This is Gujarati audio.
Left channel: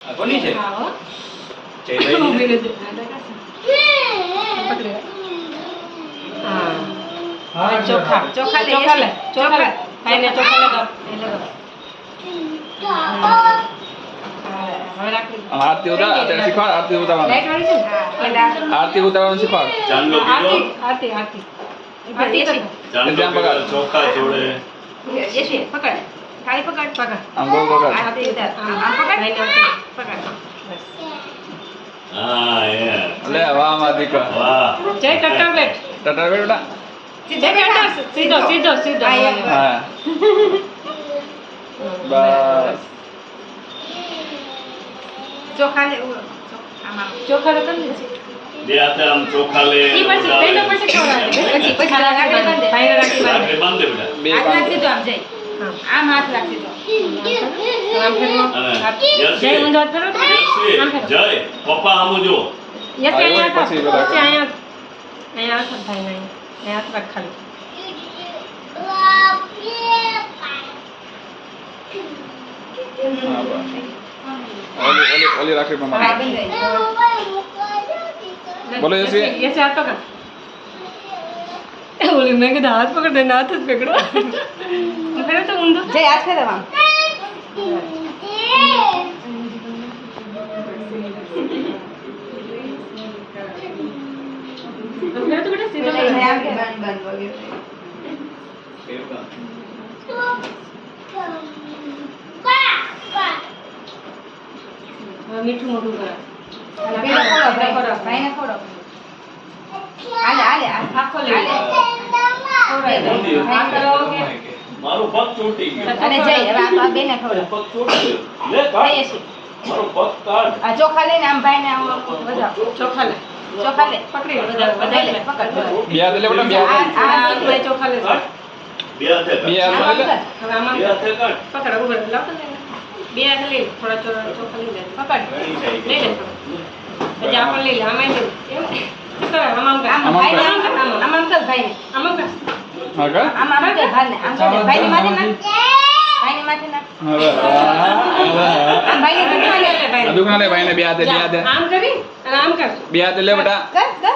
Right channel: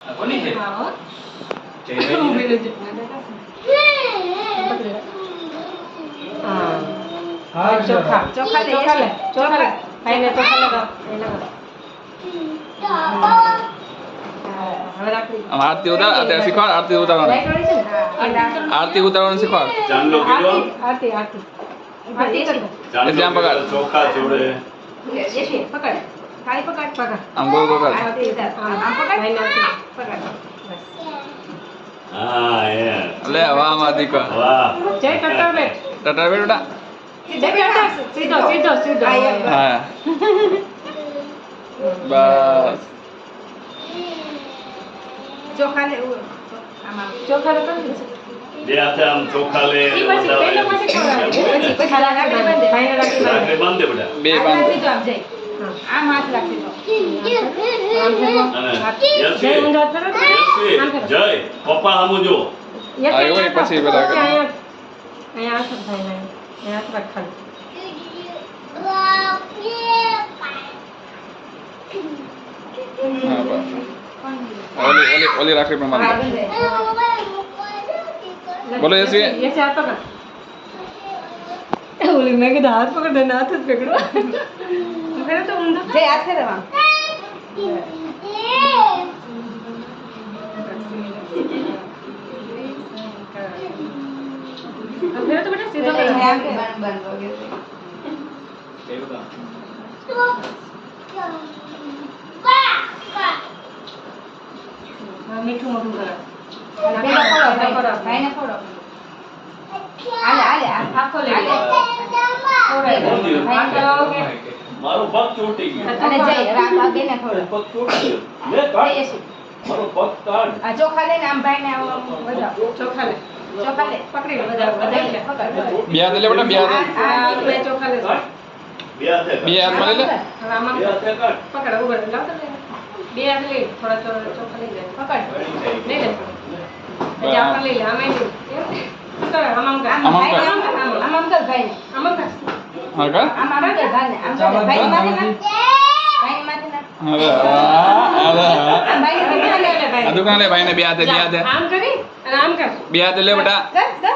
કોની છે? હા હો. જયભાઈ ઊભી રહેજે. પકડી રાખ. હા ચોખા ચોખા લે ચોખા ખાઈને ચોખા લે તો હવે રાખી આમ આરતી ઉતાર અત્યારે શીખવાડ આરતી ઉતારવાનું લાઈટ વાળી છે ને આરતી ઉતારવાનું શીખવાડ ચાંદલો કીધો આરતી આરતી આરતી કર ચાંદલો ત્યાં પકડ. કીધો, ચોખા જોડે પકડ થાળી પકડ પકડ આમ ગોળ ગોળ કર. આરતી ઉતાર આમ પકડ ભાઈને આરતી પકડ બસ હા યાર લે વાહ માં દીકરા વાહ જય ટટર બેટ ટટર બેટા જય બેટા સીધો સીધો સીધો હા બસ ચોખા લે ચોખા તો તમને બે હાથે આમ ચોખા લે ઈ પછી પેલો પછી ખવડાવી પછી રાખી બાંધે ભાઈને રાખી રાખે બાંધે બાંધે બેટા બે હાથ બાંધ રાખી દો આમ જય આમ હાથ રાખી દો આમ ફેરવો અને જય ઊંધો હાથ ફેરવો તો યશવી, આમ ફેરવો જય પપ્પા આમુ જો યસ હા, એવું અહીંયા પછી પછી બધા કરે. અહીંયા હાથ ભાઈ અહીંયા હાથ રાખ ખાલી હા બસ ઓલી ઓલી ઓલી રાખી પણ મારે બોલો યશવી. યશવી હાથ પકડ ઓલી મેં કીધું હાથ પકડ ને હાથ જ પકડો ફેરવો તો ઊંધો જય હાથ ફેરવા ફેરવો તો બેટા સીધો કરો મીઠું મોટું કરો આખો લઈ લે મારું પગ ચોટી ગયું અને જય હવે આ બેને પગ ચોટી ગયું લે કાઢ મારો પગ કાઢ આ ચોખા લઈને આમ ભાઈને આમ વધાવ ચોખા લે પકડી લે વધાવ લે પકડ બે હાથ લે બેટા બે હાથ આ હાથમાં ચોખા લે બે હાથે બે હાથ લઈ લે હવે આમાં બે હાથે કાઢ પકડ ઉભર લાવતો લે બે હાથ લઈ થોડા ચોખા લઈ લે પકડ લઈ લે થોડો પછી આપણે લઈ લે આમાં લઈ લે એમ શું કરે આમાં કર આમાં કર. આમાં કર ભાઈ આમાં કર હા કર આમાં કર ભાઈ આમ કર ભાઈ માથે ના ભાઈ માથે ના હવે આમ ભાઈ ને લે આ દુકાન લે ભાઈને બે હાથે આમ કરી અને આમ કર બે હાથે લે બેટા કર